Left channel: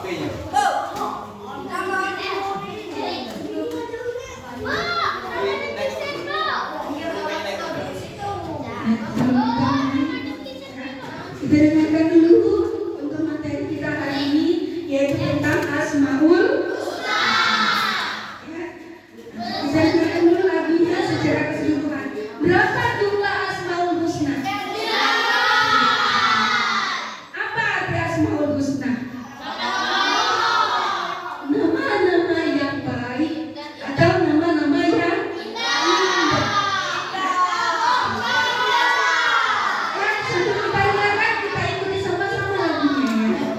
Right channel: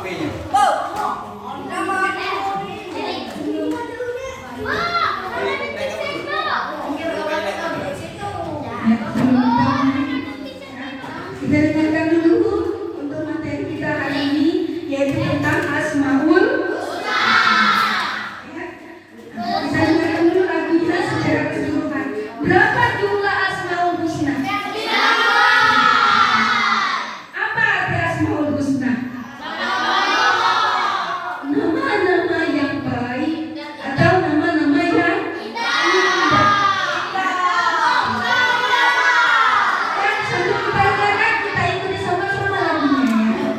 Kita dengarkan dulu untuk materi kita hari ini, yaitu tentang Asmaul Husna. Kita dengarkan dulu lagunya secara keseluruhan. Berapa jumlah Asmaul Husna? Apa arti Asmaul Husna? Nama-nama yang baik atau nama-nama yang indah. Sambil kita dengarkan, kita ikuti sama-sama lagunya ya.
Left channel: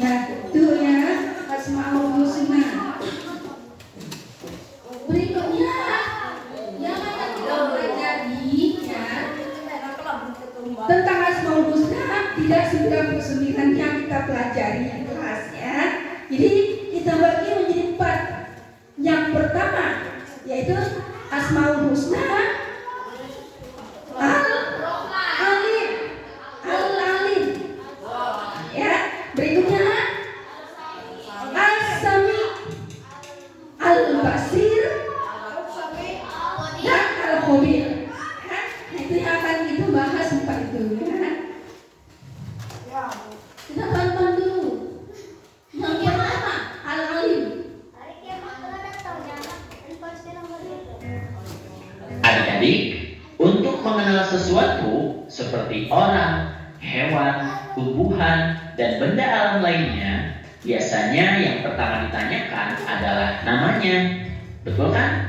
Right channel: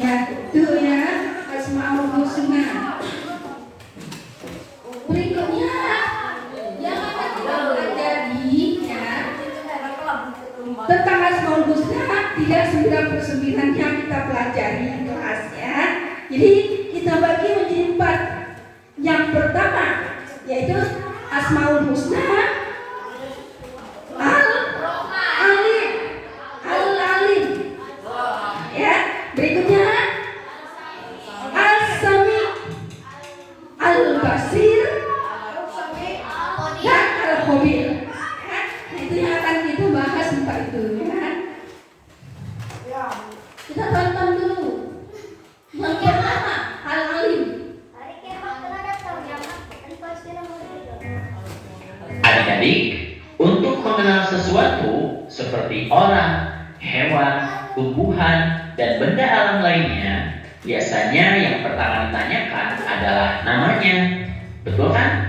Ya, itu ya Asmaul Husna. Berikutnya yang akan kita pelajari ya tentang Asmaul Husna, tidak 99 yang kita pelajari di kelas ya. Jadi kita bagi menjadi 4. Yang pertama yaitu Asmaul Husna Al-Alim. Al-Alim. Ya, berikutnya Al-Sami, Al-Basir, dan Al-Khabir. Nah, itu yang akan kita bahas 4 itu ya. Kita tonton dulu. Yang pertama Al-Alim. Adik-adik, untuk mengenal sesuatu seperti orang, hewan, tumbuhan, dan benda alam lainnya, biasanya yang pertama ditanyakan adalah namanya. Betul kan?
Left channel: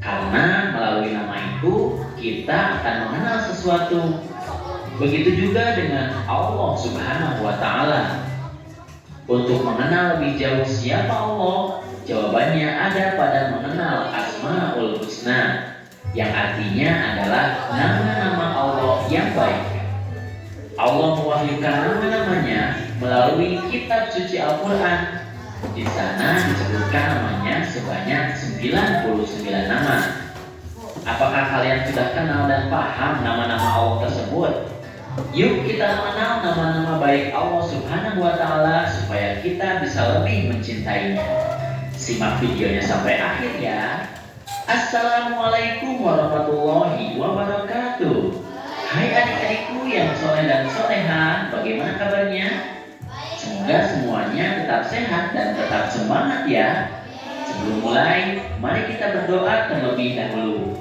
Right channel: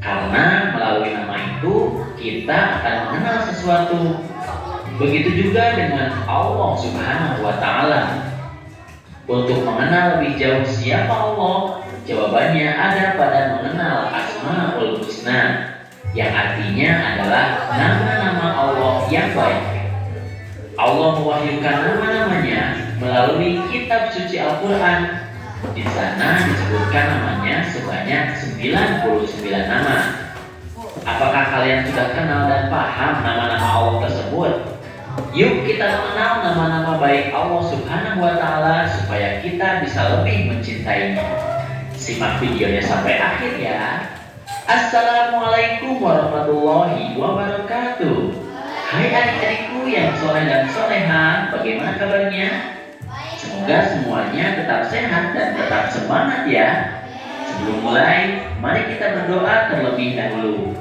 Karena melalui nama itu kita akan mengenal sesuatu. Begitu juga dengan Allah Subhanahu wa Ta'ala. Untuk mengenal lebih jauh siapa Allah, jawabannya ada pada mengenal Asmaul Husna, yang artinya adalah nama-nama Allah yang baik. Allah mewahyukan nama-namanya melalui kitab suci Al-Quran. Di sana disebutkan namanya sebanyak 99 nama. Apakah kalian sudah kenal dan paham nama-nama Allah tersebut? Yuk kita mengenal nama-nama baik Allah Subhanahu wa Ta'ala supaya kita bisa lebih mencintainya. Simak videonya sampai akhir ya. Assalamualaikum warahmatullahi wabarakatuh. Hai adik-adikku yang soleh dan soleha, bagaimana kabarnya? Semoga semuanya tetap sehat dan tetap semangat ya. Sebelum mulai, mari kita berdoa terlebih dahulu.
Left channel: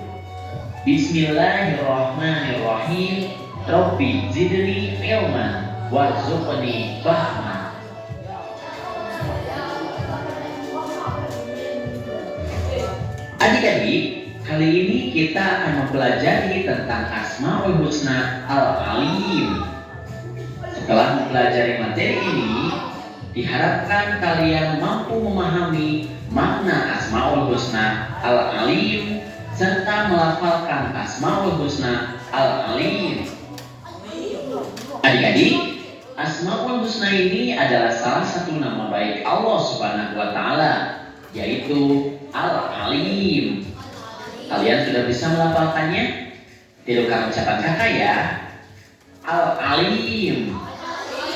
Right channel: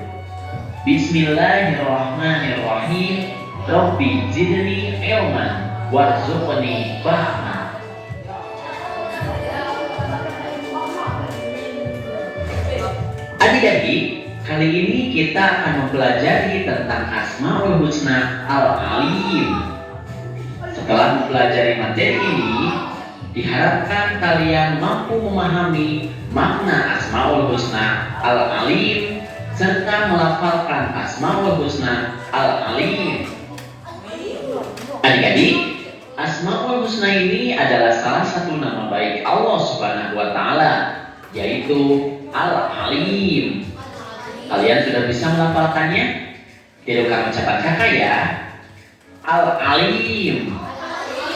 Bismillahirrahmanirrahim. Rabbi zidni ilman warzuqni fahman. Adik-adik, kali ini kita akan mempelajari tentang Asmaul Husna Al-Alim. Setelah mempelajari materi ini, diharapkan kalian mampu memahami makna Asmaul Husna Al-Alim serta melafalkan Asmaul Husna Al-Alim. Adik-adik, Asmaul Husna ini adalah salah satu nama baik Allah Subhanahu wa Ta'ala, yaitu Al-Alim. Kalian sudah bisa melafalkannya? Tirukan ucapan kakak ya. Al-Alim.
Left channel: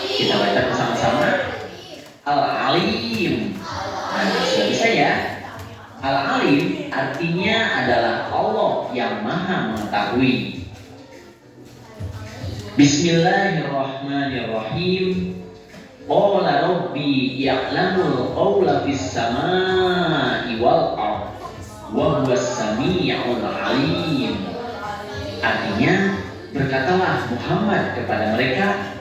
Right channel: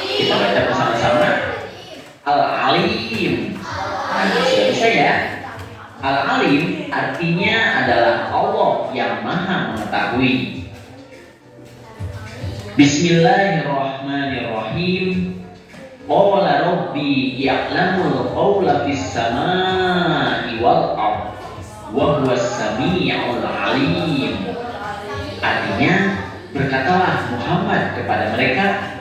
Kita baca bersama-sama. Al-Alim. Nah, sudah bisa ya? Al-Alim artinya adalah Allah yang Maha Mengetahui. Bismillahirrahmanirrahim. Qala rabbi ya'lamul qawla fis samaa'i wal ardh wa huwas samii'ul 'aliim. Artinya, berkatalah Muhammad kepada mereka,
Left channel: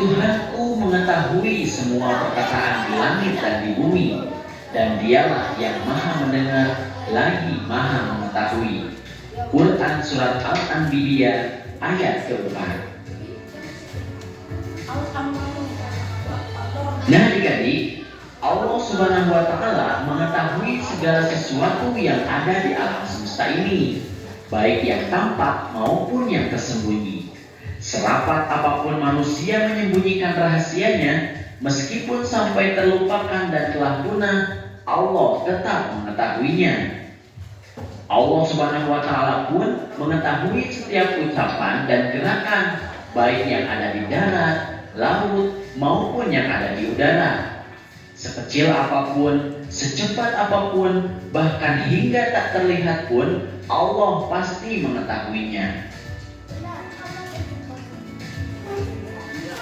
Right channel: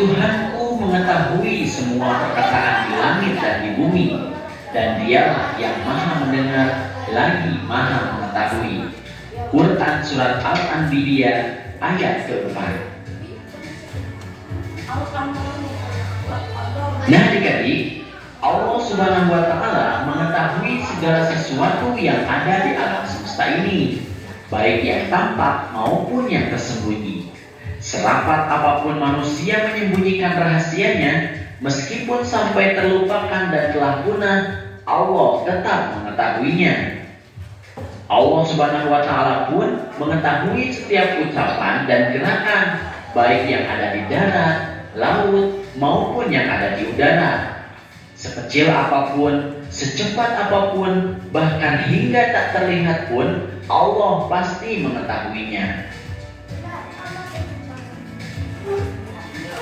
Tuhanku mengetahui semua perkataan di langit dan di bumi, dan dialah yang maha mendengar lagi maha mengetahui. Quran Surat Al-Anbiya ayat ke-4. Nah adik-adik, Allah Subhanahu wa Ta'ala mengetahui segala sesuatu yang ada di alam semesta ini, baik yang tampak maupun yang tersembunyi. Serapat apapun manusia menyembunyikan rahasianya, meskipun sampai terlupakan dan telah punah, Allah tetap mengetahuinya. Allah Subhanahu wa Ta'ala pun mengetahui setiap ucapan dan gerakan, baik yang ada di darat, laut, maupun yang ada di udara. Sekecil apapun, secepat apapun, bahkan hingga tak terlihat pun, Allah pasti mengetahuinya.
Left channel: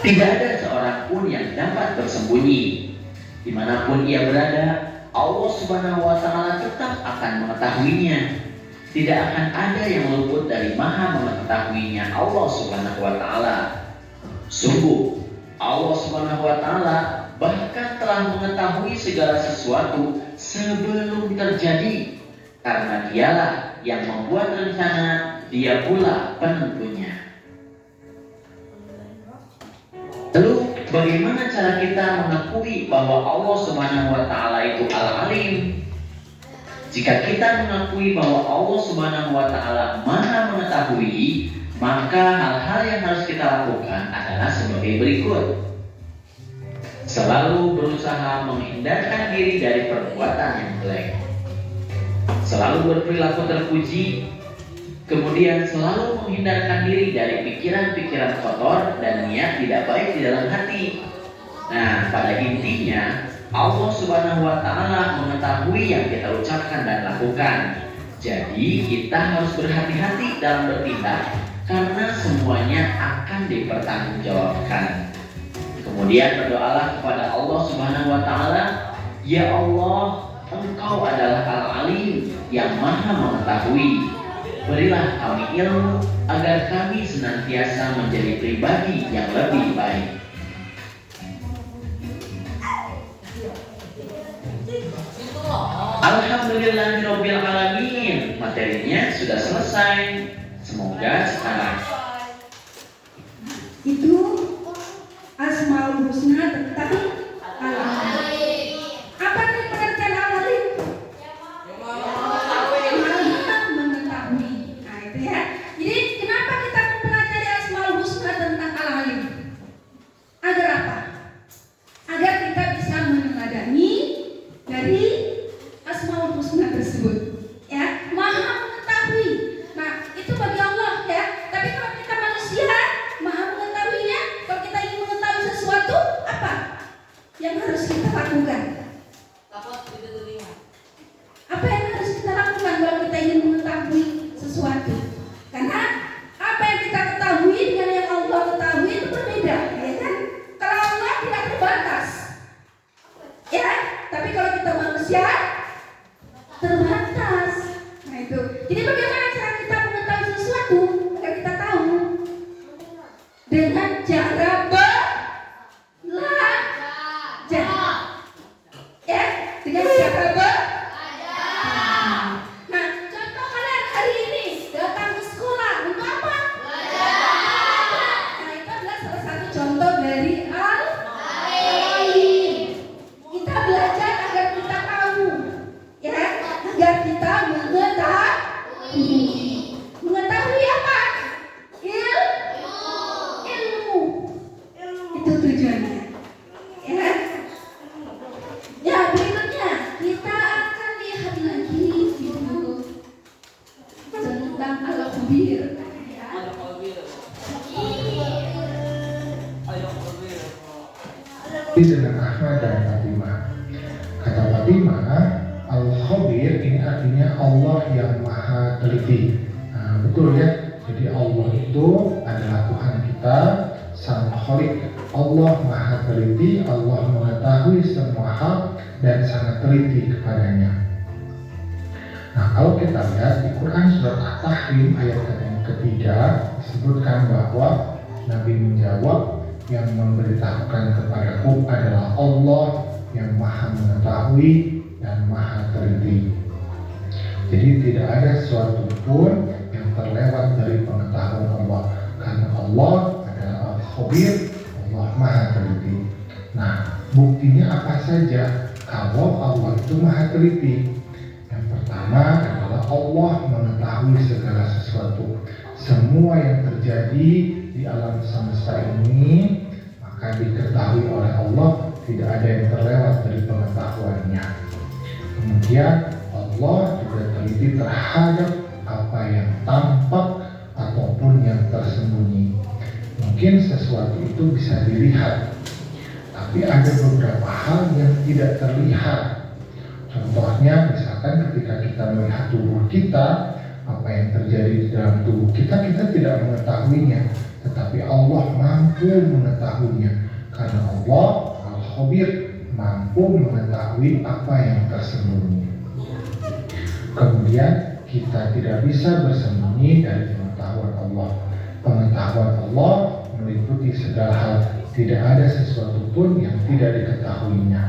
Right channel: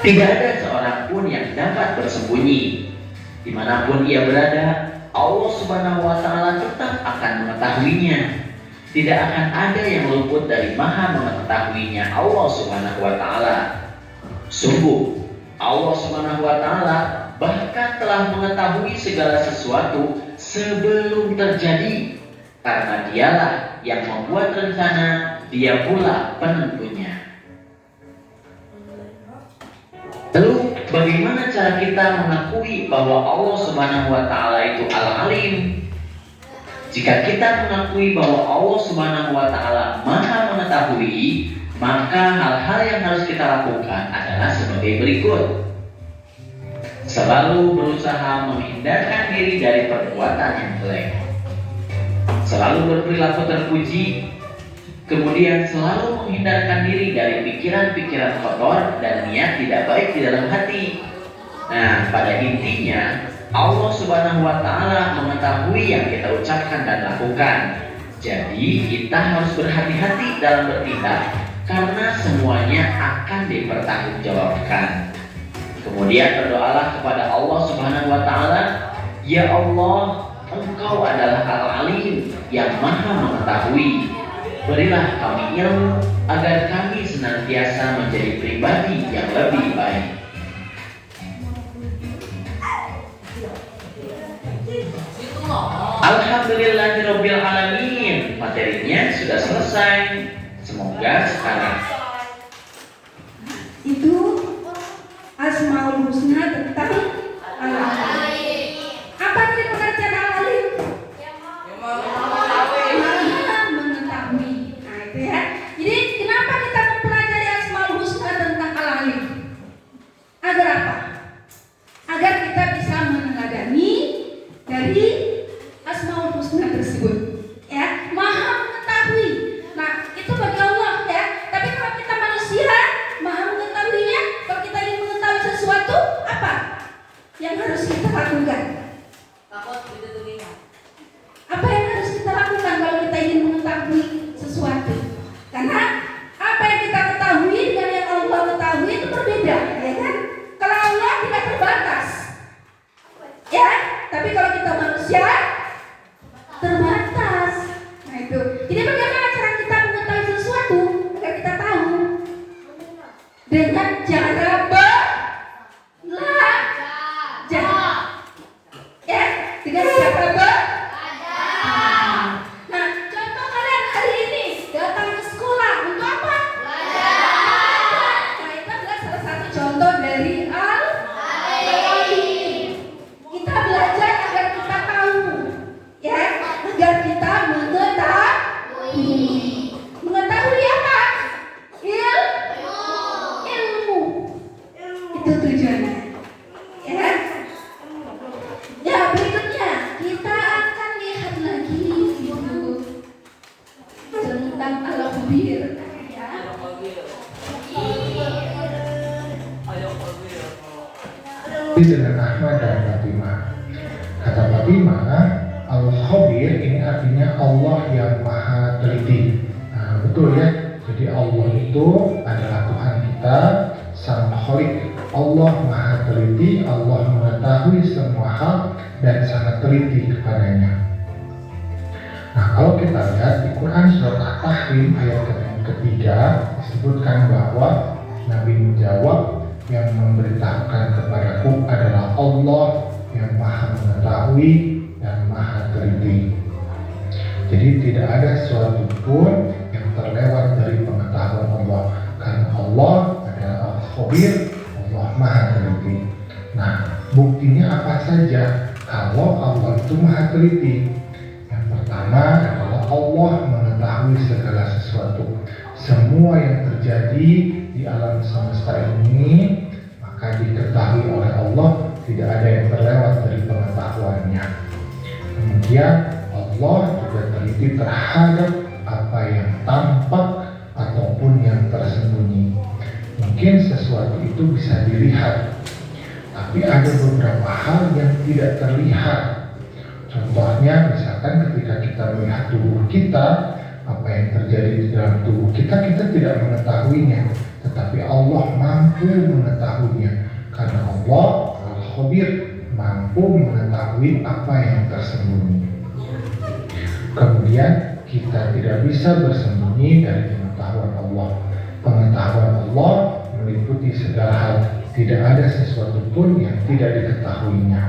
Tidak ada seorang pun yang dapat bersembunyi. Dimanapun ia berada, Allah Subhanahu wa Ta'ala tetap akan mengetahuinya. Tidak akan ada yang luput dari maha mengetahuinya Allah Subhanahu wa Ta'ala. Sungguh, Allah Subhanahu wa Ta'ala bahkan telah mengetahui segala sesuatu sebelum terjadi, karena dialah yang membuat rencana, dia pula penentunya. Lalu bagaimana cara kita mengakui bahwa Allah Subhanahu wa Ta'ala itu Al-Alim? Jika kita mengakui bahwa Allah Subhanahu wa Ta'ala maha mengetahui, maka hal-hal yang harus kita lakukan adalah sebagai berikut. Selalu berusaha menghindarkan diri dari perbuatan yang jelek. Selalu berperilaku terpuji. Kemudian selalu menghindarkan diri dari pikiran-pikiran kotor dan niat tidak baik di dalam hati. Nah, pada intinya Allah Subhanahu wa Ta'ala mengetahui yang kita ucapkan dan lakukan. Jadi kita harus berhati-hati dalam bertindak, karena semuanya akan dipertanggungjawabkan. Kemudian berdoalah kepada Allah Subhanahu wa Ta'ala, ya Allah, Engkau adalah Al-Alim yang maha mengetahui. Berilah kami ilmu agar kami senantiasa menjadi pribadi yang lebih baik. Alhamdulillahirobbilalamin. Materinya sudah selesai. Semoga sekarang Itu Asmaul Husna tentang Al-Alim. Apa arti pengertian Al-Alim? Maha mengetahui. Nah itu ya. Jadi kenapa kita mempelajari Asmaul Husna tentang Al-Alim? Agar apa? Agar kita bisa meneladani dari Asmaul Husna tersebut. Ya, Maha mengetahui. Nah, itu bagi Allah ya. Tapi kalau kita manusia, Maha mengetahuinya. Kalau kita ingin mengetahui sesuatu, apa yang harus kita lakukan? Apa yang harus kita lakukan kalau kita ingin mengetahui sesuatu? Karena apa yang kita ketahui dengan yang Allah ketahui itu berbeda, ya kan? Kalau Allah tidak terbatas, ya. Tapi kalau kita manusia terbatas. Nah itu. Jadi bagaimana cara kita mengetahui sesuatu agar kita tahu? Dengan cara belajar. Ya, dengan cara belajar. Nah, contoh kalian hari ini datang ke sekolah untuk apa? Belajar. Nah, itu adalah salah satu contoh dari Al-Alim. Kita belajar agar kita tahu, ya, agar kita mengetahui. Mengetahui apa? Ilmu. Itu tujuannya. Ya. Ya, berikutnya kita akan lihat lagi gitu tentang Al-Khabir. Ya. Dengan Ahmad dan Fatimah. Kata Fatimah, Al-Khabir ini artinya Allah yang maha teliti. Nah, betul ya. Jadi Allah itu adalah Tuhan kita, Sang Khalik. Allah maha teliti, Allah mengetahui semua hal dan sangat teliti kepadanya. Nah, kalau kita lihat di Quran surat At-Tahrim ayat yang ketiga disebutkan bahwa Nabi menjawab, yang memberitahukan kepadaku adalah Allah yang maha mengetahui dan maha teliti. Jadi tidak ada sesuatu pun yang terlewat dari pengetahuan Allah, karena Allah adalah Al-Khabir, Allah maha teliti. Nah, buktinya apa saja kalau Allah itu maha teliti? Yang pertama adalah Allah mengetahui segala sesuatu. Semua yang terjadi di alam semesta ini maka diketahui oleh Allah, tidak ada yang terlewat dari pengetahuannya. Kemudian Allah juga teliti terhadap apa yang tampak ataupun yang tersembunyi. Mungkin sesuatu itu bisa dilihat, tapi ada beberapa hal yang tidak terlihat. Contohnya misalkan ketika kita melihat tubuh kita, apa yang terjadi di dalam tubuh kita, kita tidak mengetahuinya, tetapi Allah mampu mengetahuinya, karena Allah Al-Khabir, mampu mengetahui apa yang tersembunyi. Kemudian kita tidak bisa bersembunyi dari pengetahuan Allah. Pengetahuan Allah meliputi segala hal, tidak ada sesuatu pun yang tidak diketahuinya.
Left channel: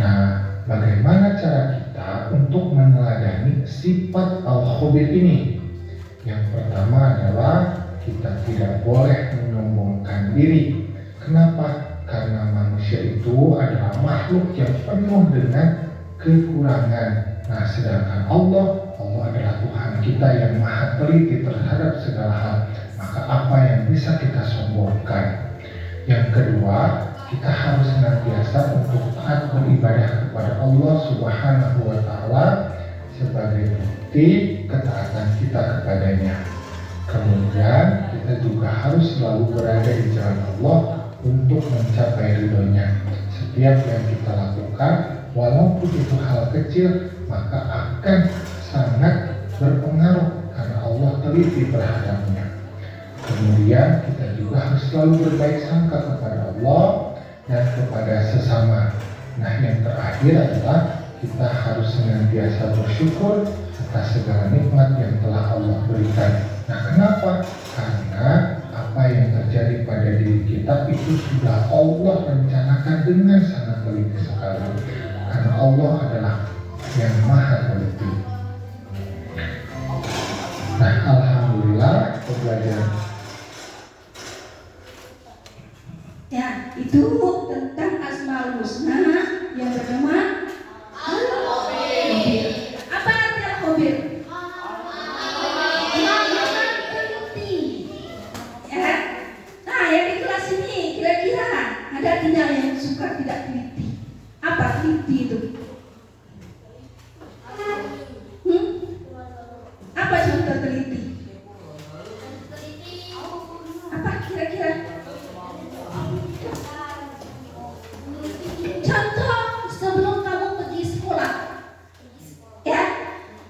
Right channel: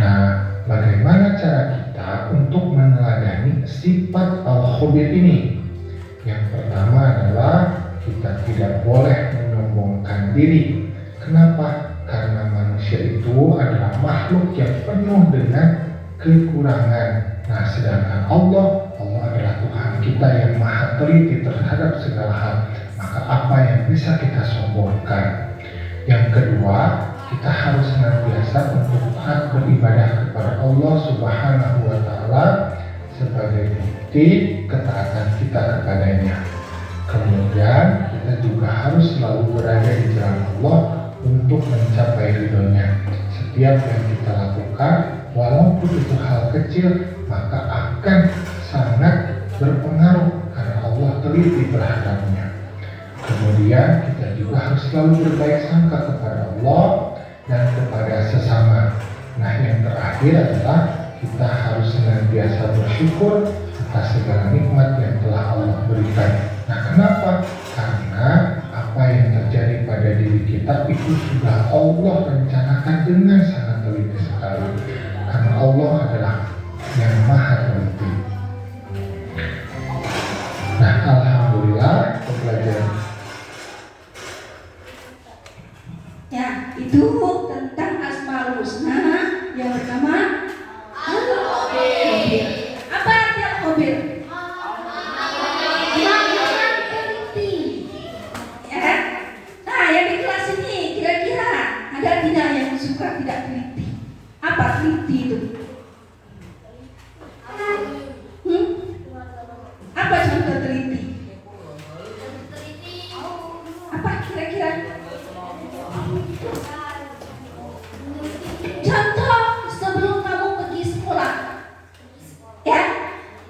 Nah, bagaimana cara kita untuk meneladani sifat Al-Khabir ini? Yang pertama adalah kita tidak boleh menyombongkan diri. Kenapa? Karena manusia itu adalah makhluk yang penuh dengan kekurangan. Nah, sedangkan Allah adalah Tuhan kita yang maha teliti terhadap segala hal. Maka apa yang bisa kita sombongkan? Yang kedua, kita harus senantiasa untuk taat beribadah kepada Allah Subhanahu wa Ta'ala sebagai bukti ketaatan kita kepadanya. Kemudian kita juga harus selalu berada di jalan Allah untuk mencapai ridhonya. Setiap yang kita lakukan, walaupun itu hal kecil, maka akan sangat berpengaruh karena Allah teliti terhadapnya. Kemudian kita juga harus selalu berbaik sangka kepada Allah dan kepada sesama. Nah, yang terakhir adalah kita harus senantiasa bersyukur atas segala nikmat yang telah Allah berikan. Nah, kenapa? Karena apa yang terjadi pada diri kita itu sudah Allah rencanakan dengan sangat teliti sekali. Karena Allah adalah yang maha teliti. Nah, alhamdulillah pembelajaran Ya, itu tentang Asmaul Husna. Yang pertama, Al-Khabir. Apa arti Al-Khabir? Yang teliti. Ya. Nah, yang di kelas ini kira-kira ada tidak yang suka tidak teliti? Apa teliti itu? Apa contoh teliti? Apa kira-kira? Contoh sebelum kamu pergi sekolah, ya,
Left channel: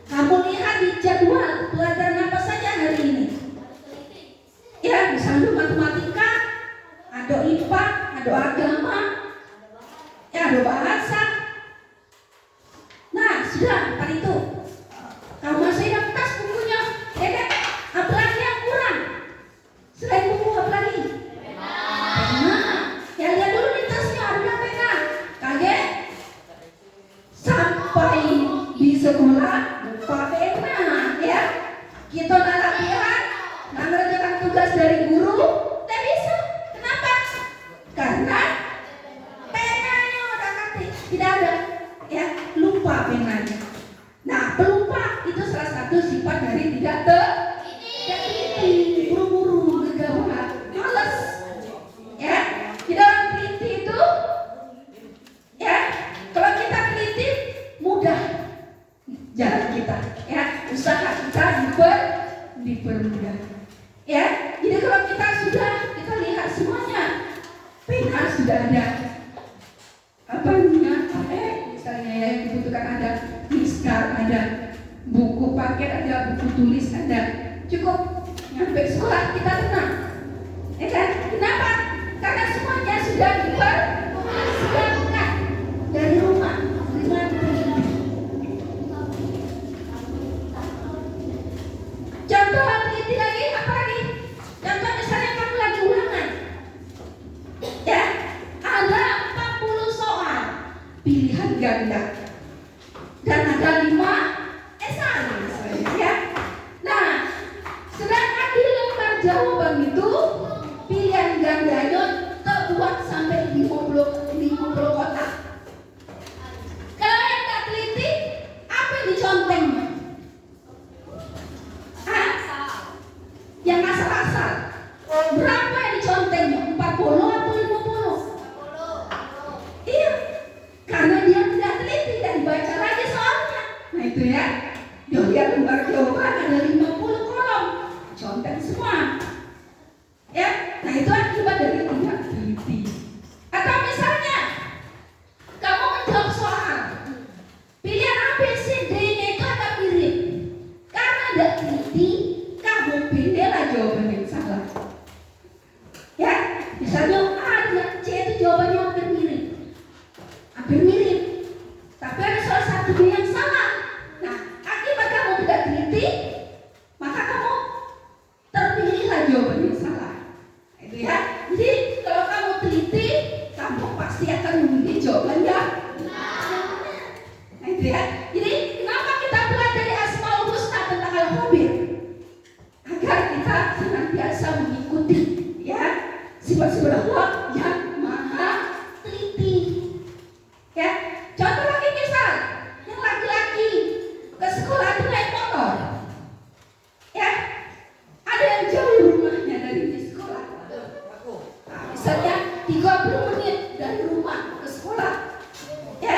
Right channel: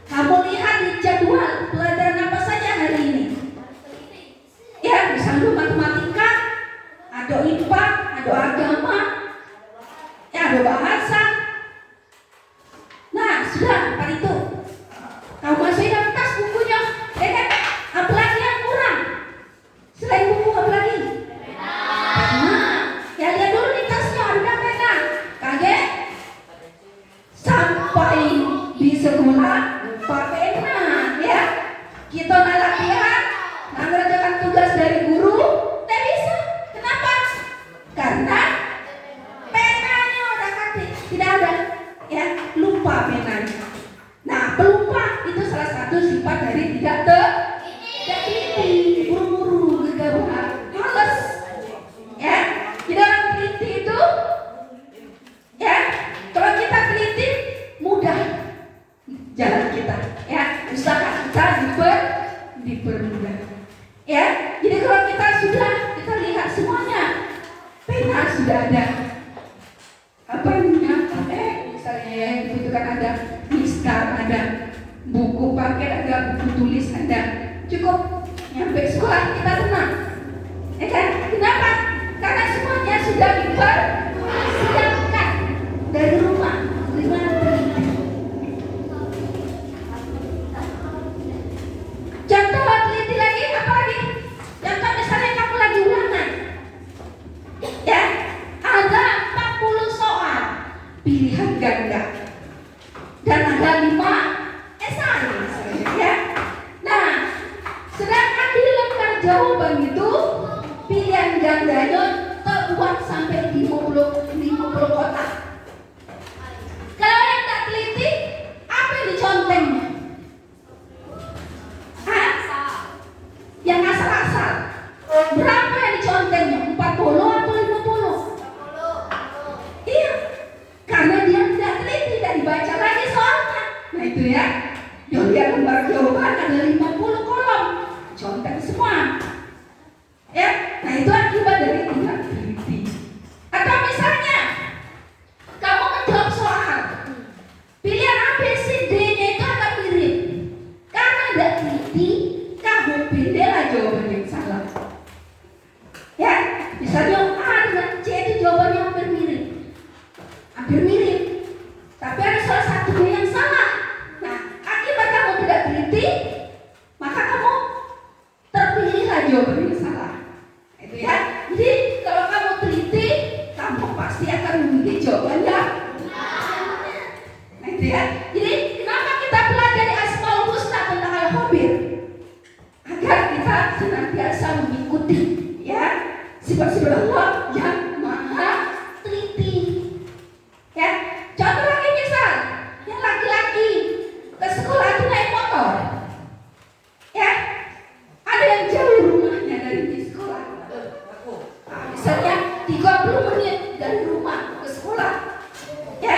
kamu lihat di jadwal pelajaran apa saja hari ini. Ya, misalnya matematika, ada IPA, ada agama, ya, ada bahasa. Nah, sudah empat itu. Kamu masukkan tas bukunya, ya kan? Apalagi yang kurang? Selain buku apa lagi? Nah, ya lihat dulu di tasnya ada pena. Kaget? Sampai di sekolah lupa pena, ya? Kita nak latihan, nak mengerjakan tugas dari guru, tak bisa. Kenapa? Karena penanya udah kata tidak ada, ya, lupa penanya. Nah, pelupa itu salah satu sifat dari tidak teliti, buru-buru, gegabah, malas. Ya, jadi orang teliti itu, ya, kalau kita teliti mudah jalan kita, ya, usaha kita dipermudah. Ya, jadi kalau kita lihat semuanya, pena sudah ada, apa namanya, misalnya ya, dibutuhkan ada miskar, ada buku paket, ada buku tulis, ada, cukup nyampe sekolah kita tenang, ya kan? Kenapa? Karena semuanya sudah dipersiapkan dari rumah dengan teliti. Contoh teliti lagi apa lagi? Contoh misalnya kamu lagi ulangan, ya, ada 40 soal pilihan ganda dan ada 5 esai misalnya, ya. Nah, sedangkan di lembar jawaban itu pilihan gandanya terbuat sampai 50 kotak. Kalau yang tak teliti, apa yang dicontengnya? Yang asal-asal. Berapa yang dicontengnya? 40 atau 50? Iya. Karena dia tidak teliti, tidak dibaca lagi soalnya. Nah itu ya, dia lihat lembar jawaban ada 50 kolom, contek semua. Ya, nah itu akibat dari tidak teliti. Atau misalnya kamu menjawab soal, pilihan A, B, C, D-nya itu agak mirip. Karena tidak teliti, kamu pilihlah jawaban yang salah. Ya, misalnya A dengan C itu jawabannya hampir mirip. Tapi ada salah satu yang salah. Nah, akibat kamu tidak teliti, maka kamu terpilihlah jawaban yang salah. Itu ya. Jadi kalau kamu teliti, kamu pasti akan memilih jawaban yang benar. Nah itu ya. Jadi kenapa kita pelajari Asmaul Husna tentang Al-Khabir? Agar kita senantiasa mengikuti, ya, sifat-sifat Allah yang maha teliti. Ya, contoh lagi misal yang laki-laki ke sekolah itu naik motor, ya, ada yang jauh rumahnya dari sekolah, misalnya 30 menit dari rumah ke sekolah, ya,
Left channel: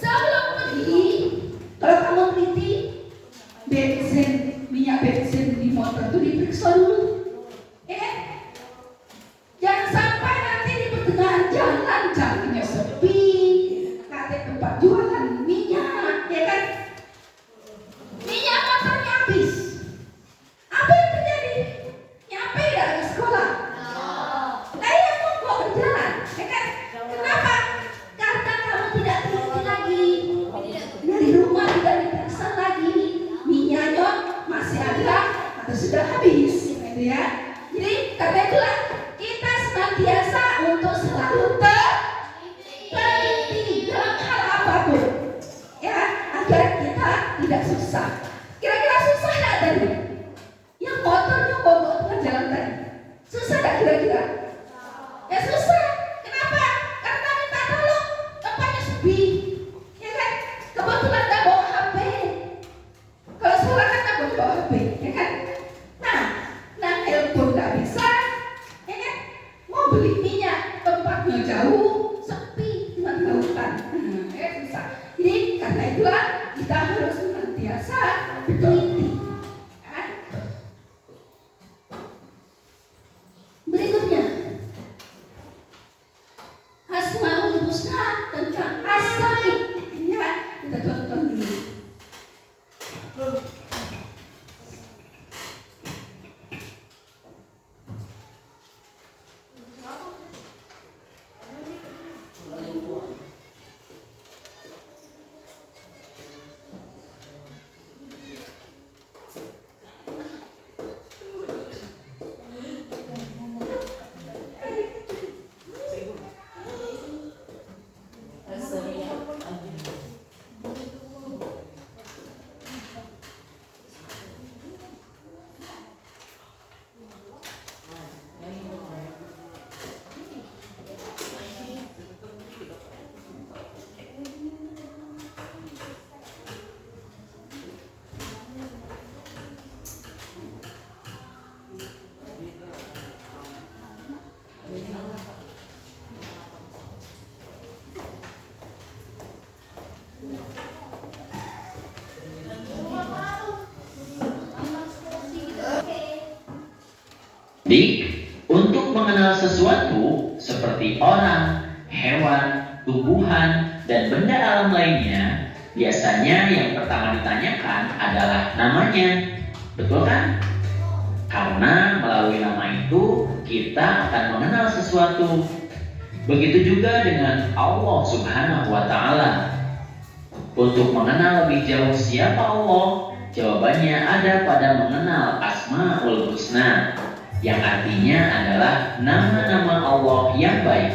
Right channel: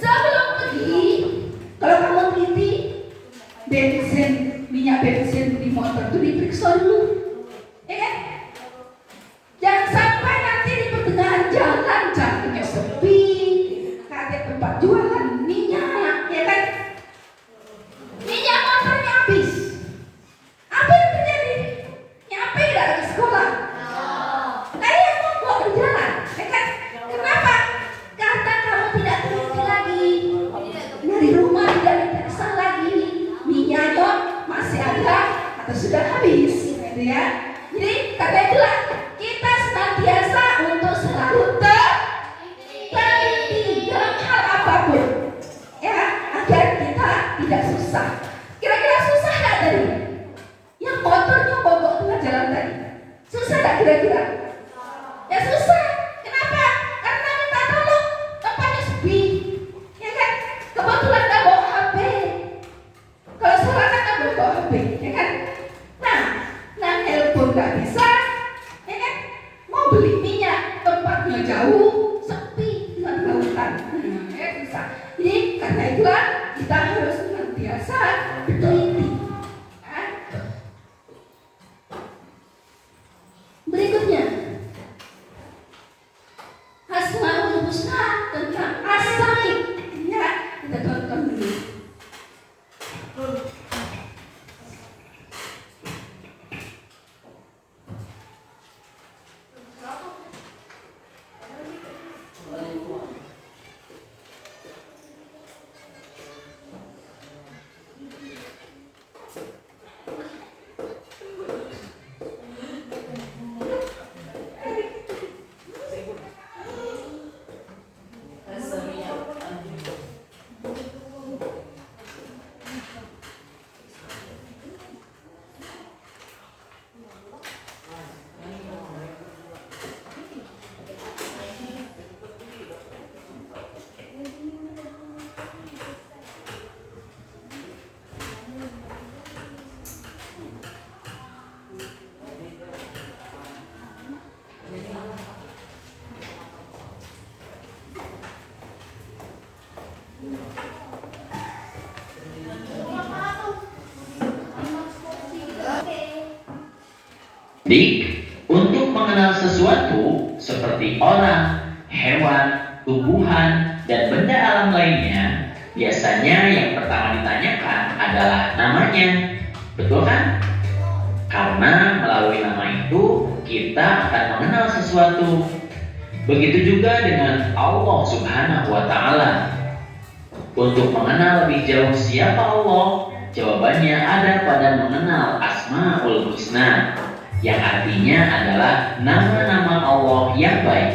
sebelum pergi, kalau kamu teliti, minyak bensin di motor itu diperiksa dulu, ya kan? Jangan sampai nanti di pertengahan jalan jalannya sepi, tempat jualan minyak, ya kan? Minyak motornya habis. Apa yang terjadi? Nyampe tidak ke sekolah? Nah, ya mau berjalan, ya kan? Kenapa? Karena kamu tidak teliti lagi. Dari rumah tidak diperiksa lagi, minyaknya masih ada atau sudah habis, gitu ya. Jadi karena itulah kita senantiasa untuk selalu teliti dalam hal apapun, ya, agar kita tidak susah. Kira-kira susah nggak tadi? kira-kira? Ya susah. Kenapa? Karena minta tolong tempatnya sepi, ya kan? Kebetulan nggak bawa HP. Kalau salah kan nggak boleh bawa HP, ya kan? Nah telepon nggak bisa, ya kan? Mau beli minyak tempatnya jauh, sepi, nggak lautan, ya susah. Jadi karena itulah kita harus senantiasa teliti. Berikutnya, Asmaul Husna tentang As-Sami. Ya, kita tonton dulu. Untuk mengenal sesuatu seperti orang, hewan, tumbuhan, dan benda alam lainnya, biasanya yang pertama ditanyakan adalah namanya. Betul kan? Karena melalui nama itu kita akan mengenal sesuatu. Begitu juga dengan Allah Subhanahu wa Ta'ala. Untuk mengenal lebih jauh siapa Allah, jawabannya ada pada mengenal Asmaul Husna, yang artinya adalah nama-nama Allah yang baik.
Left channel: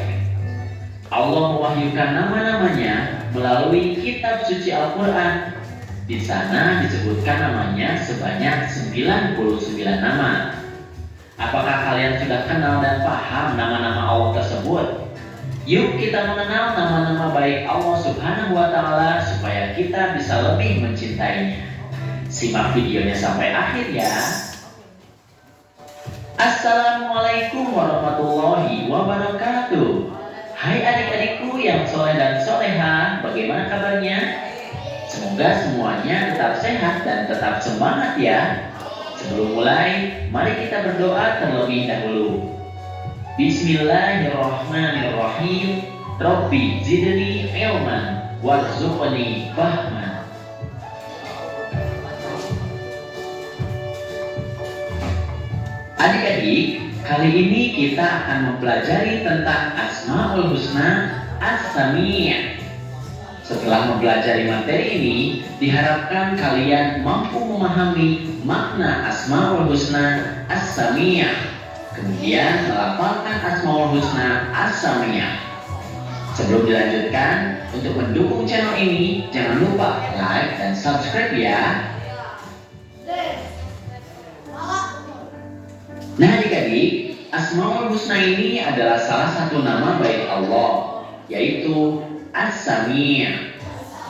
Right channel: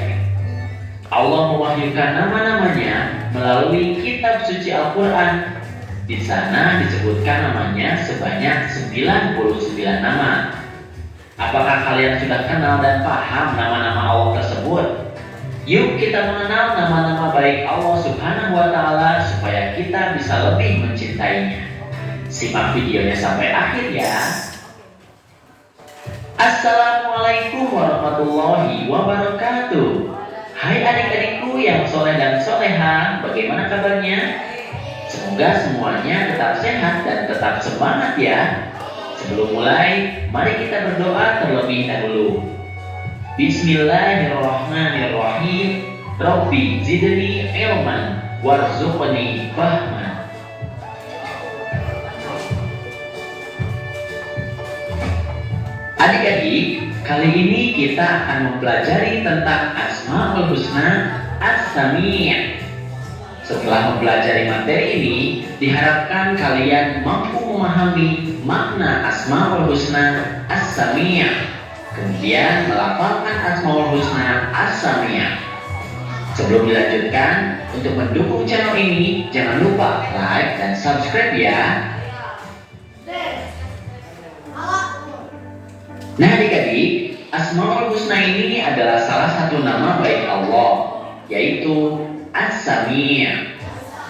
Allah mewahyukan nama-namanya melalui kitab suci Al-Quran. Di sana disebutkan namanya sebanyak 99 nama. Apakah kalian sudah kenal dan paham nama-nama Allah tersebut? Yuk kita mengenal nama-nama baik Allah Subhanahu wa Ta'ala supaya kita bisa lebih mencintainya. Simak videonya sampai akhir ya. Assalamualaikum warahmatullahi wabarakatuh. Hai adik-adikku yang soleh dan soleha, bagaimana kabarnya? Semoga semuanya tetap sehat dan tetap semangat ya. Sebelum mulai, mari kita berdoa terlebih dahulu. Bismillahirrahmanirrahim. Rabbi zidni ilman warzuqni fahman. Adik-adik, kali ini kita akan mempelajari tentang Asmaul Husna As-Sami'. Setelah mempelajari materi ini, diharapkan kalian mampu memahami makna Asmaul Husna As-Sami', kemudian melafalkan Asmaul Husna As-Sami'. Sebelum dilanjutkan, untuk mendukung channel ini, jangan lupa like dan subscribe ya. Nah adik-adik, Asmaul Husna ini adalah salah satu nama baik Allah, yaitu As-Sami'.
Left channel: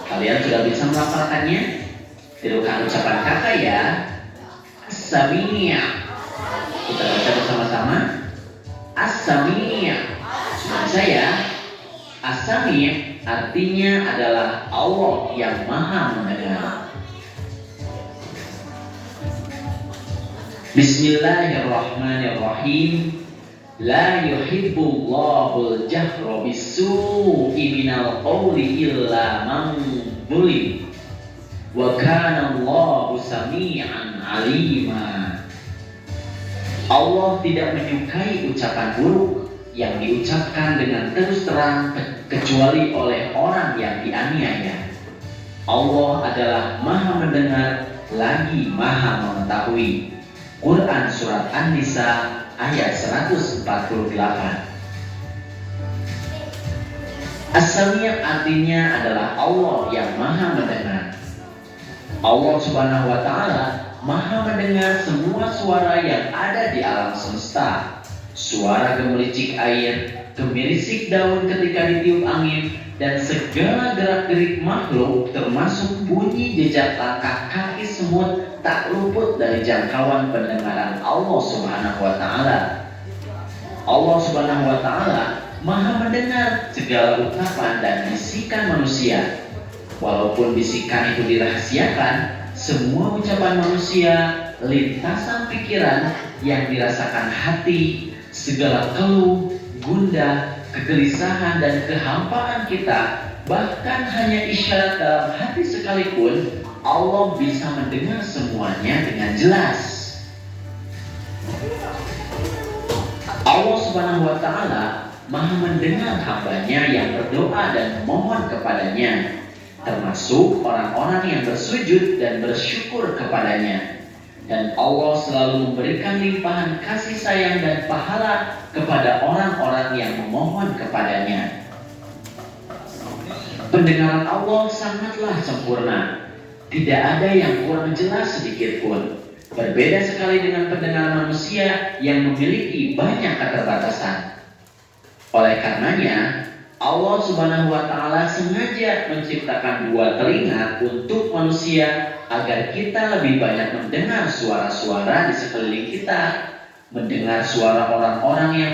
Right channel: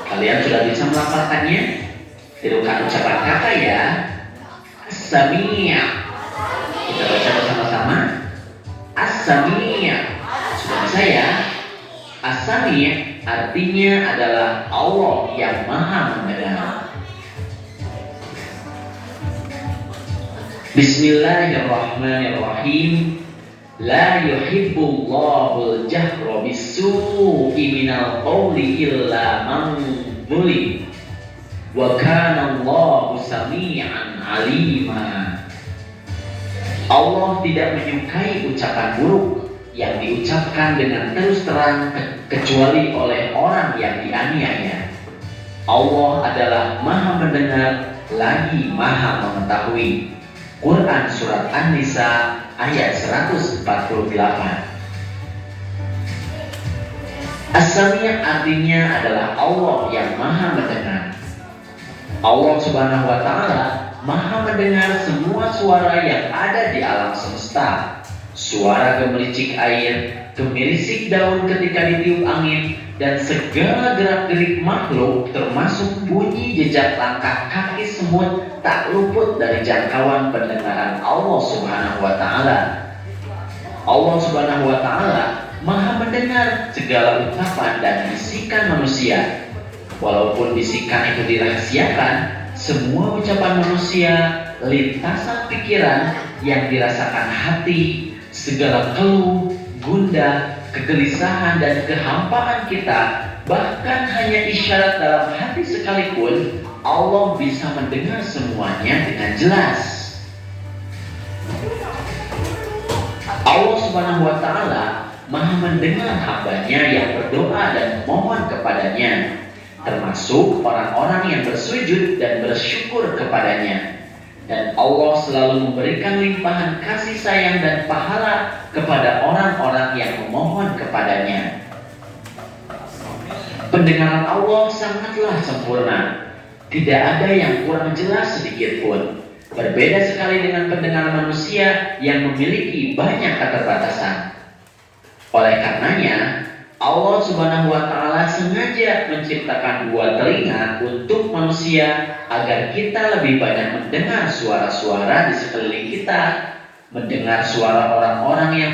Kalian sudah bisa melafalkannya? Tirukan ucapan kakak ya. As-Sami'. Kita baca bersama-sama. As-Sami'. Sudah bisa ya? As-Sami' artinya adalah Allah yang Maha Mendengar. Bismillahirrahmanirrahim. La yuhibbullahu al-jahra bis-su'i minal qawli illa man zulim. Wa kana Allahu sami'an 'alima. Allah tidak menyukai ucapan buruk yang diucapkan dengan terus terang kecuali oleh orang yang dianiaya. Allah adalah Maha Mendengar lagi Maha Mengetahui. Quran Surat An-Nisa ayat 148. As-Sami' artinya adalah Allah yang Maha Mendengar. Allah Subhanahu wa Ta'ala Maha mendengar semua suara yang ada di alam semesta. suara gemericik air, gemirisik daun ketika ditiup angin, dan segala gerak-gerik makhluk termasuk bunyi jejak langkah kaki semut tak luput dari jangkauan pendengaran Allah Subhanahu wa Ta'ala. Allah Subhanahu wa Ta'ala Maha mendengar segala ucapan dan bisikan manusia. Walaupun bisikan itu dirahasiakan, semua ucapan manusia, lintasan pikiran yang dirasakan hati, segala keluh, gundah, kegelisahan dan kehampaan kita, bahkan hanya isyarat dalam hati sekalipun, Allah bisa mendengar semuanya dengan jelas. Allah Subhanahu wa Ta'ala Maha mendengar hambanya yang berdoa dan memohon kepadanya, termasuk orang-orang yang bersujud dan bersyukur kepadanya. Dan Allah selalu memberikan limpahan kasih sayang dan pahala kepada orang-orang yang memohon kepadanya. Pendengaran Allah sangatlah sempurna, tidak ada yang kurang jelas sedikit pun. Berbeda sekali dengan pendengaran manusia yang memiliki banyak keterbatasan. Oleh karenanya, Allah Subhanahu wa Ta'ala sengaja menciptakan dua telinga untuk manusia agar kita lebih banyak mendengar suara-suara di sekeliling kita, mendengar suara orang-orang yang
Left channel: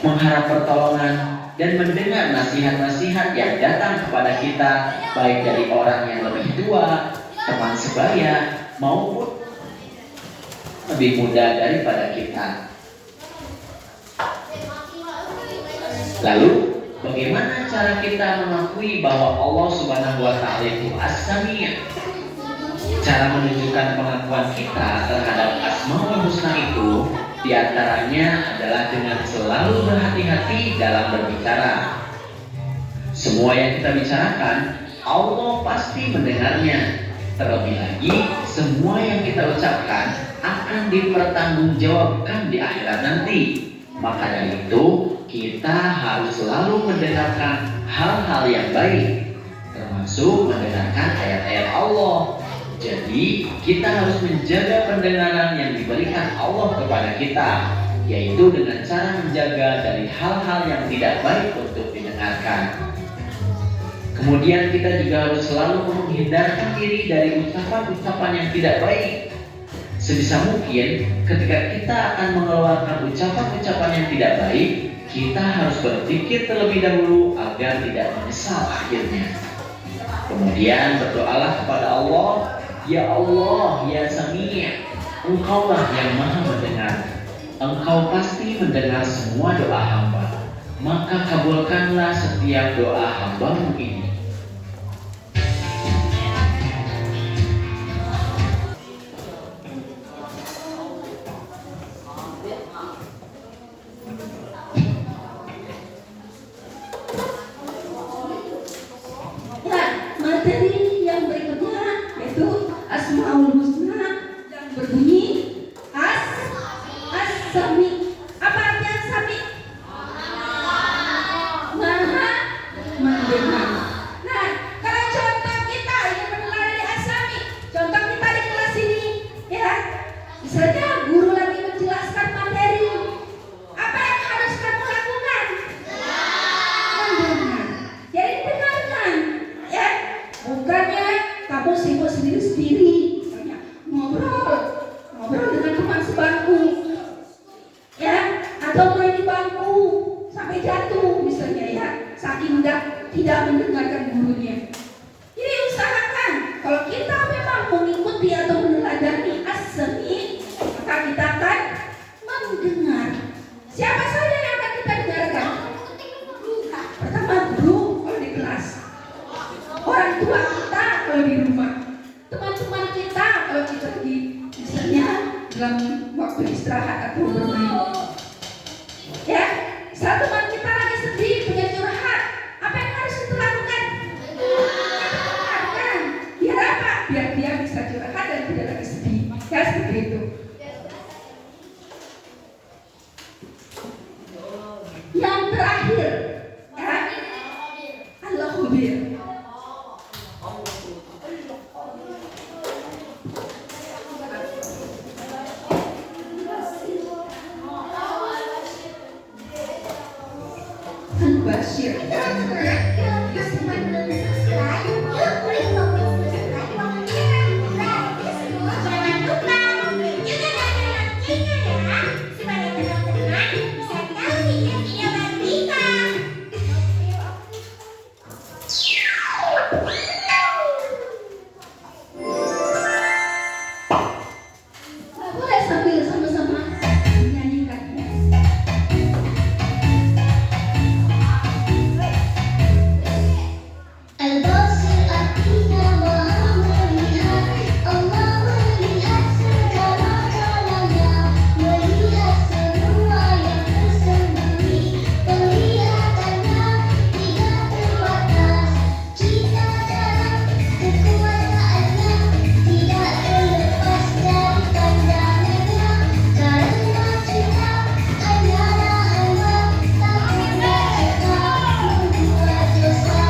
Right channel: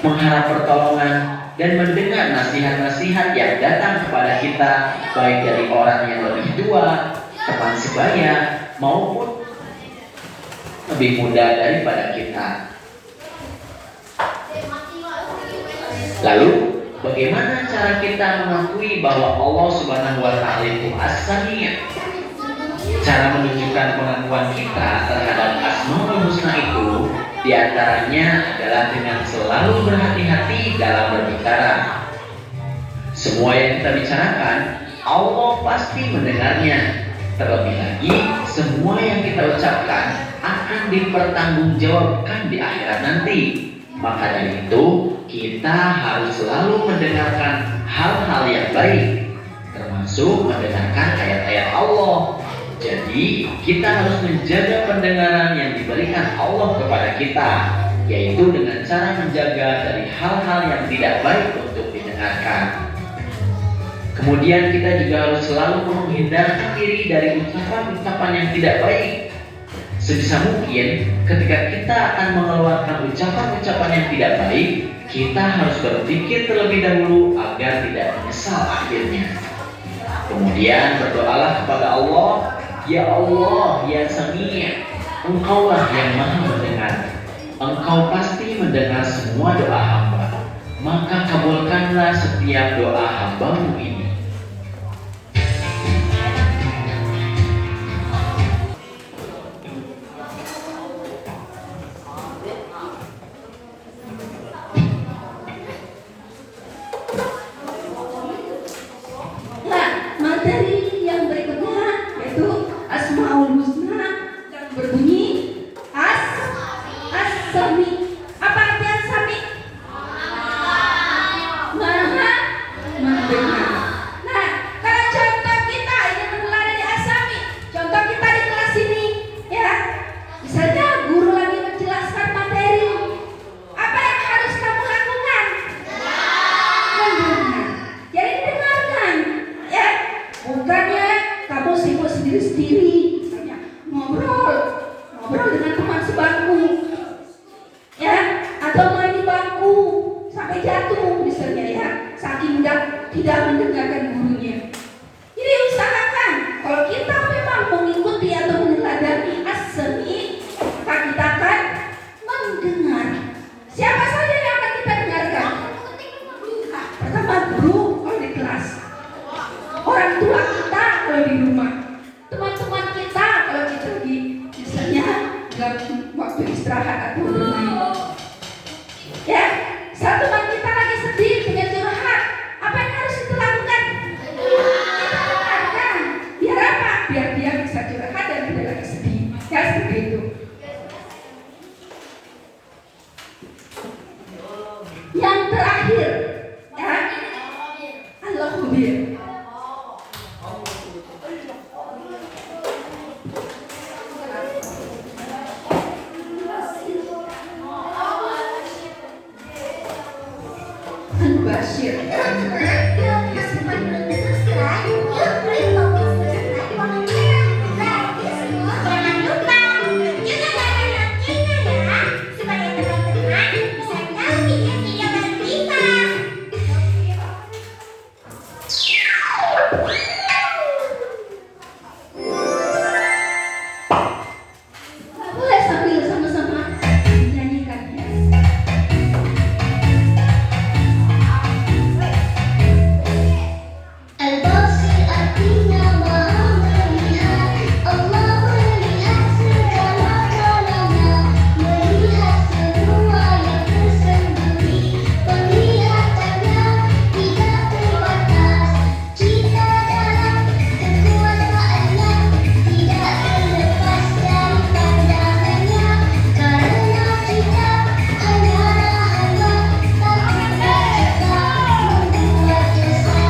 mengharap pertolongan dan mendengar nasihat-nasihat yang datang kepada kita, baik dari orang yang lebih tua, teman sebaya, maupun lebih muda daripada kita. Lalu, bagaimana cara kita mengakui bahwa Allah Subhanahu wa Ta'ala itu As-Sami'? Cara menunjukkan pengakuan kita terhadap Asmaul Husna itu diantaranya adalah dengan selalu berhati-hati dalam berbicara. Semua yang kita bicarakan, Allah pasti mendengarnya. Terlebih lagi, semua yang kita ucapkan akan dipertanggungjawabkan di akhirat nanti. Maka dari itu, kita harus selalu mendengarkan hal-hal yang baik, termasuk mendengarkan ayat-ayat Allah. Jadi, kita harus menjaga pendengaran yang diberikan Allah kepada kita, yaitu dengan cara menjaga dari hal-hal yang tidak baik untuk didengarkan. Kemudian kita juga harus selalu menghindarkan diri dari ucapan-ucapan yang tidak baik. Sebisa mungkin, ketika kita akan mengeluarkan ucapan-ucapan yang tidak baik, kita harus berpikir terlebih dahulu agar tidak menyesal akhirnya. Kemudian berdoalah kepada Allah, Ya Allah, Ya Sami', Engkaulah yang Maha mendengar. Engkau pasti mendengar semua doa hamba. Maka kabulkanlah setiap doa hambamu ini. Nah, materi yang berikutnya yaitu Asmaul Husna yang berbunyi As-Sami'. Apa arti As-Sami'? Maha mendengar. Nah, kalau contoh kita ingin meneladani sendiri-sendiri, misalnya ngobrol dengan teman sebangku, ya, atau main di bangku sampai jatuh misalnya ya, saking tidak mendengarkan gurunya. Jadi usahakan kalau kita memang mengikuti atau meneladani as-sami, maka kita akan mendengar. Siapa saja yang akan kita dengarkan? Pertama guru kalau di kelas, orang tua kita kalau di rumah, teman-teman kita kalau kita lagi misalnya dalam waktu istirahat atau bermain. Ya, saat teman kita lagi sedih pengen curhat, apa yang harus kita lakukan? Kita dengarkan. Biar apa? Biar dia bisa curhat dan tidak lagi sedih. Ya seperti itu. Yang terakhir, ya, al-khabir. Al-Bashir. Boleh sambil sama-sama menyanyikannya. Al-Basir artinya maha melihat. Allah melihat segala-galanya, melihat semua yang tersembunyi. Penglihatannya tidak terbatas. Kita dalam kekuasaannya, tidak terlepas dari pandangannya. Karena kita hanyalah hamba, tak pernah kita membuat dosa.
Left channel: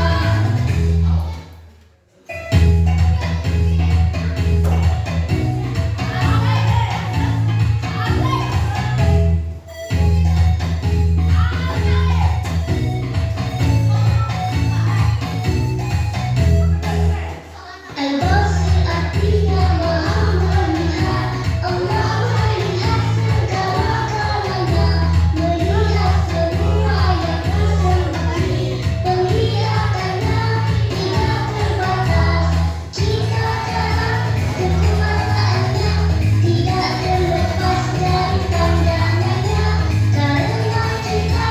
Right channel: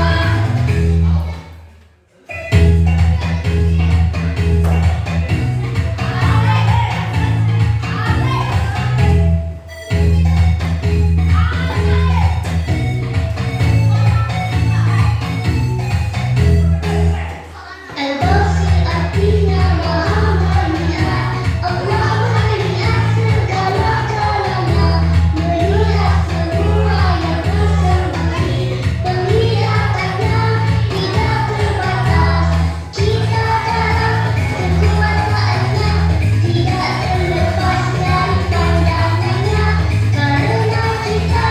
Al-Basir artinya maha melihat. Allah melihat segala-galanya, melihat semua yang tersembunyi. Penglihatannya tidak terbatas. Kita dalam kekuasaannya, tidak terlepas dari pandangannya. Karena kita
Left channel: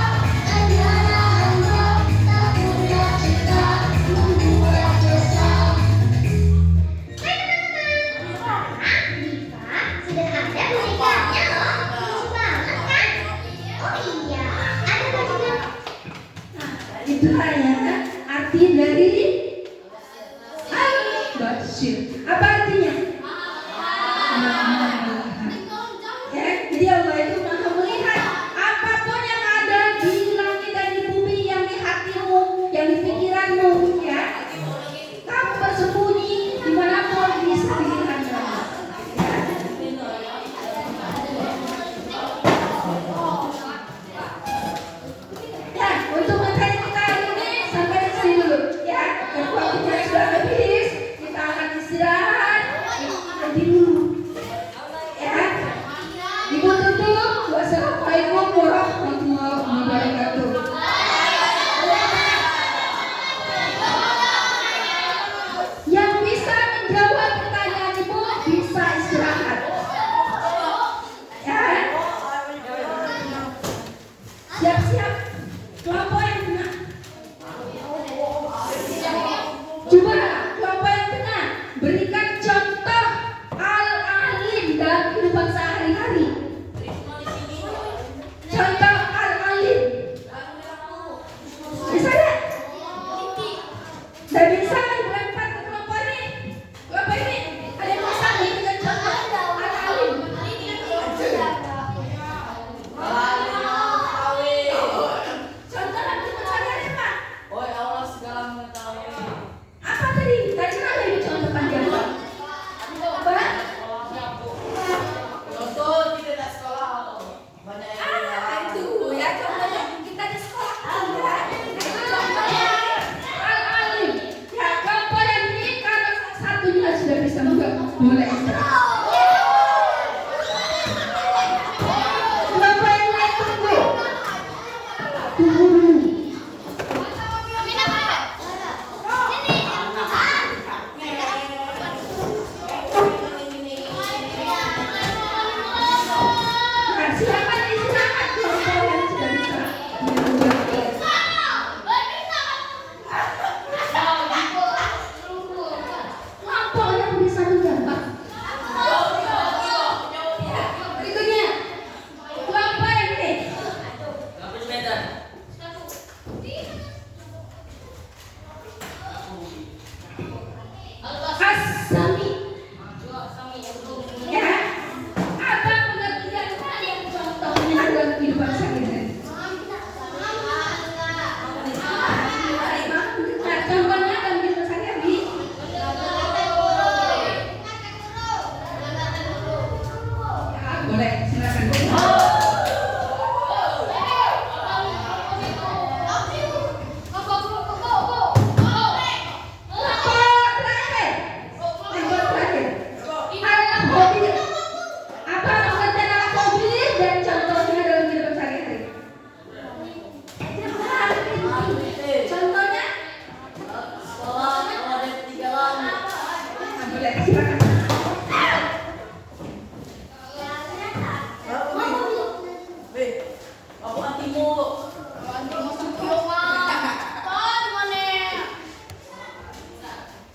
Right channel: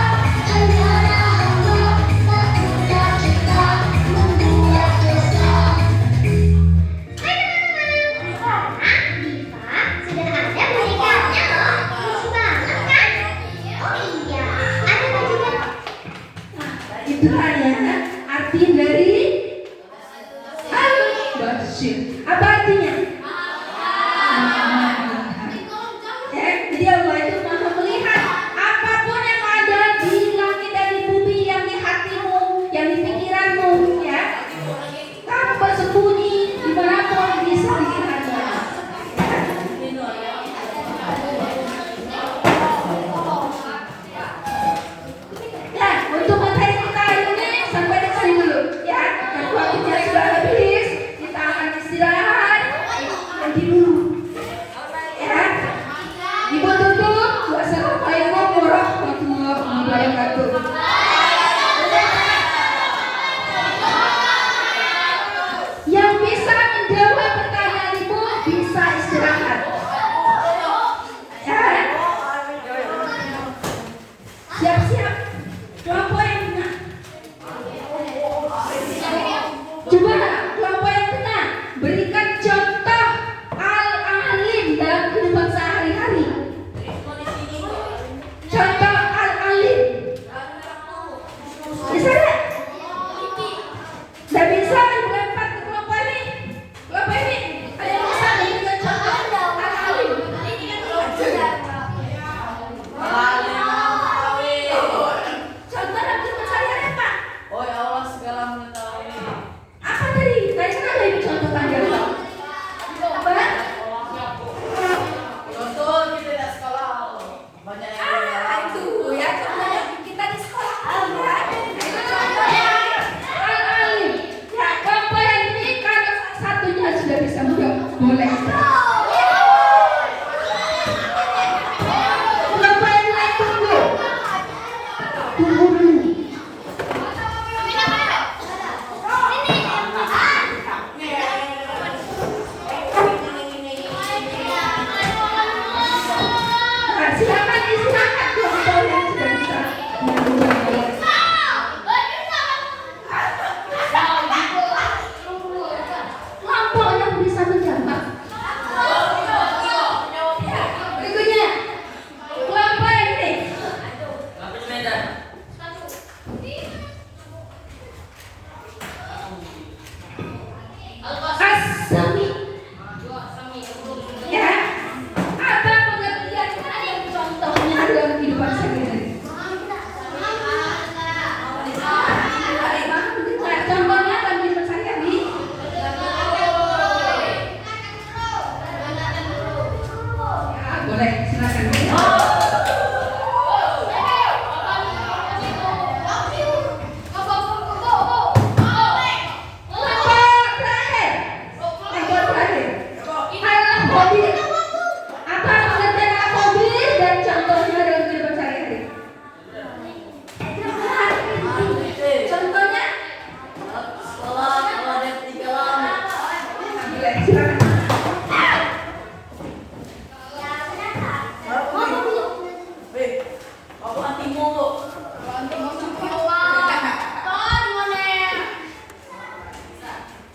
hanyalah hamba, tak pernah kita membuat dosa. Diva, sudah ada bonekanya loh. Lucu banget kan? Oh iya, ada bajunya. Nah, itulah ya arti dari al-Bashir.